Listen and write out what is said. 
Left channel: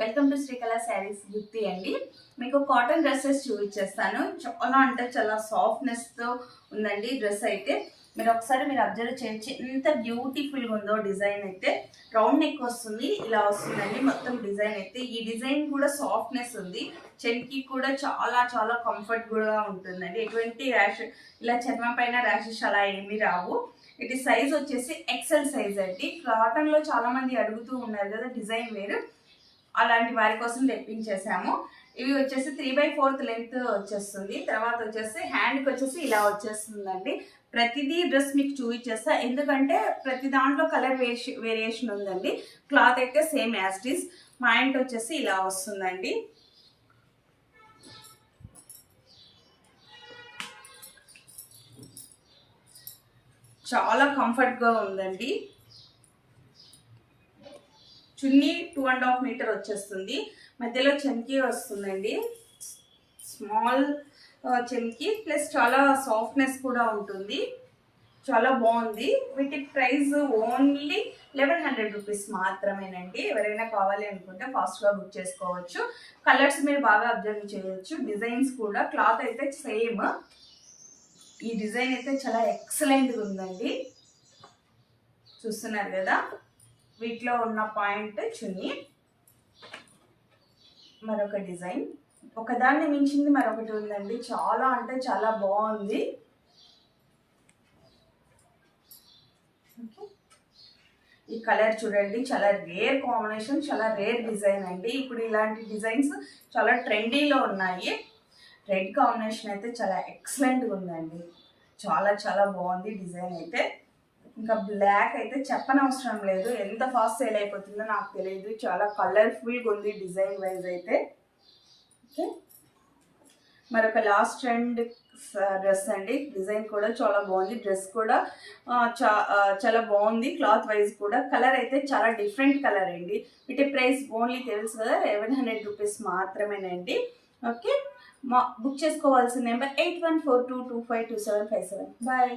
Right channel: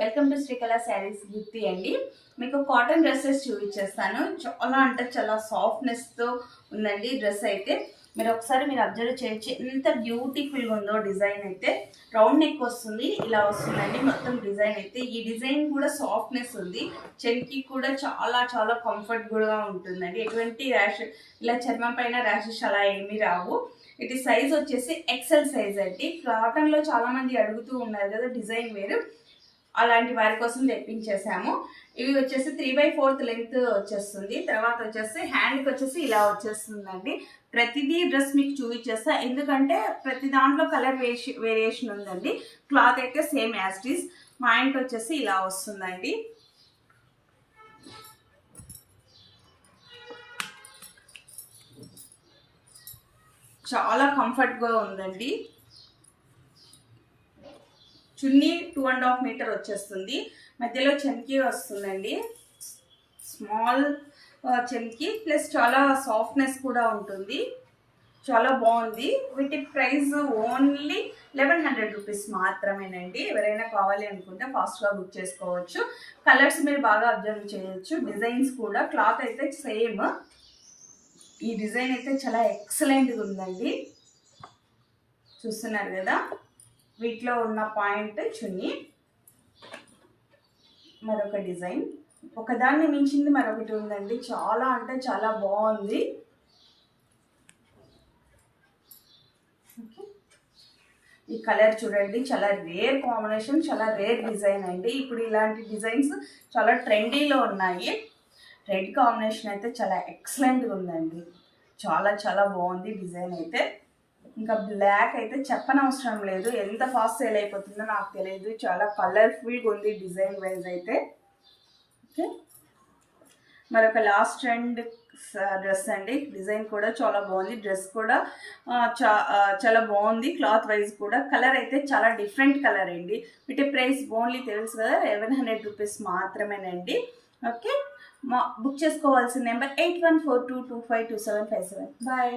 Welcome to Srikala saris గుత్తి అండి. మీకు cotton dresses చూపించేస్తాను. చాలా అంటే చాలా సాఫ్ట్నెస్తో ఉందండి డ్రెస్ అయితే. మీరు ఒకసారి అబ్జర్వ్ చేయొచ్చు ఎంత బ్యూటిఫుల్గా ఉందో. డిజైన్ అయితే రౌండ్ నెక్ వస్తుంది, ఇలా వస్తుందండి మొత్తం డిజైన్ అయితే. ఈ డిజైన్ కూడా సాఫ్ట్నెస్ ఉంది, చెన్కి కూడా చాలా చాలా కంఫర్ట్ కూడా ఉంటుందండి. ఎటువంటి ర్యాష్ ఇలా చర్మం పైన ర్యాషెస్ అలా ఏమీ రావు. ఇది సైజ్ వచ్చేసి ఎక్సెల్ సైజ్ అండి. కాటన్లో చాలామంది అడుగుతూ ఉన్నారు కదా డిజైన్ వేరు, అలాంటి వారి కోసం తెప్పించేసాము. ఇవి వచ్చేసి 3/4 లెంత్ వచ్చేస్తుంది. తర్వాత వచ్చేసి హ్యాండ్కి వచ్చేసి ఇలా వచ్చేస్తుందండి. ప్రతిదీ డ్రెస్ మీకు చూపించేస్తా, ఎందుకంటే ప్రతి దాంట్లో కలర్ వేరియేషన్ ఉందండి. క్లాత్ అయితే same as it is. Pant వచ్చేసి ఇలా వస్తుందండి. చాలా కంఫర్ట్గా ఉందండి. చున్నీ 2.5 మీటర్ వచ్చేస్తుంది. మధ్యలో చెన్కి వస్తుందండి, స్మాల్ చెన్కి, ప్లస్ చాలా సాఫ్ట్నెస్ కూడా ఉంటుంది. చాలా బాగుంది. వీటి ప్రైస్ ఓన్లీ 1100 రూపీస్ మాత్రమేనండి. ఎవరైనా కావాలి అనుకుంటే ఫాస్ట్గా బుక్ చేసుకోవచ్చు. కలర్స్ మీరు బాగా అబ్జర్వ్ చేయొచ్చు. డిజైన్స్ కూడా, క్లాత్ అయితే సేమ్. ఈ డిజైన్ అయితే చాలా ఎక్సలెంట్గా ఉందండి. చూస్తున్నారు కదా, వీటిలో ఉన్న పాయింట్ చున్నీ, మరొక డిజైన్, ఒకదాన్ని మించింది మరొకటి ఉందండి. చాలా అంటే చాలా బాగుంది. ఈ కలర్ చూడండి, చాలా రేర్ కాంబినేషన్, చాలా రేర్ డిజైన్ అండి. ఇప్పుడు ఇలాంటి డిజైన్స్ చాలా ట్రెండీలో ఉన్నాయి. రెడ్ కాంబినేషన్ అయితే చాలా ఎక్సలెంట్గా ఉందండి. చాలా చాలా బాగుంది డిజైన్ అయితే. ఇంకా బ్లాక్ అయితే చెప్పనవసరం లేదు, ఎంత ఫాస్ట్ సేల్ అయిపోతుందో నాకు తెలియదు. చాలా కలర్ఫుల్గా ఉంది డిజైన్ వైజ్ అయితే. ఓకే, మరొక లాస్ట్ ట్రెండ్ డ్రెస్ అండి. డిజైన్ కూడా చాలా బాగుంది, డ్రెస్ కూడా చాలా బాగుంది. క్లాత్ వైజ్ కూడా కలర్ అయితే చాలా డిఫరెంట్ కలర్ అండి. వీటి ప్రైస్ ఓన్లీ తెలుసు కదా, 1100 రూపీస్ మాత్రమేనండి. ఓకే, బుక్ చేసుకోవాల్సిన నెంబర్ 8142252757. బాయ్.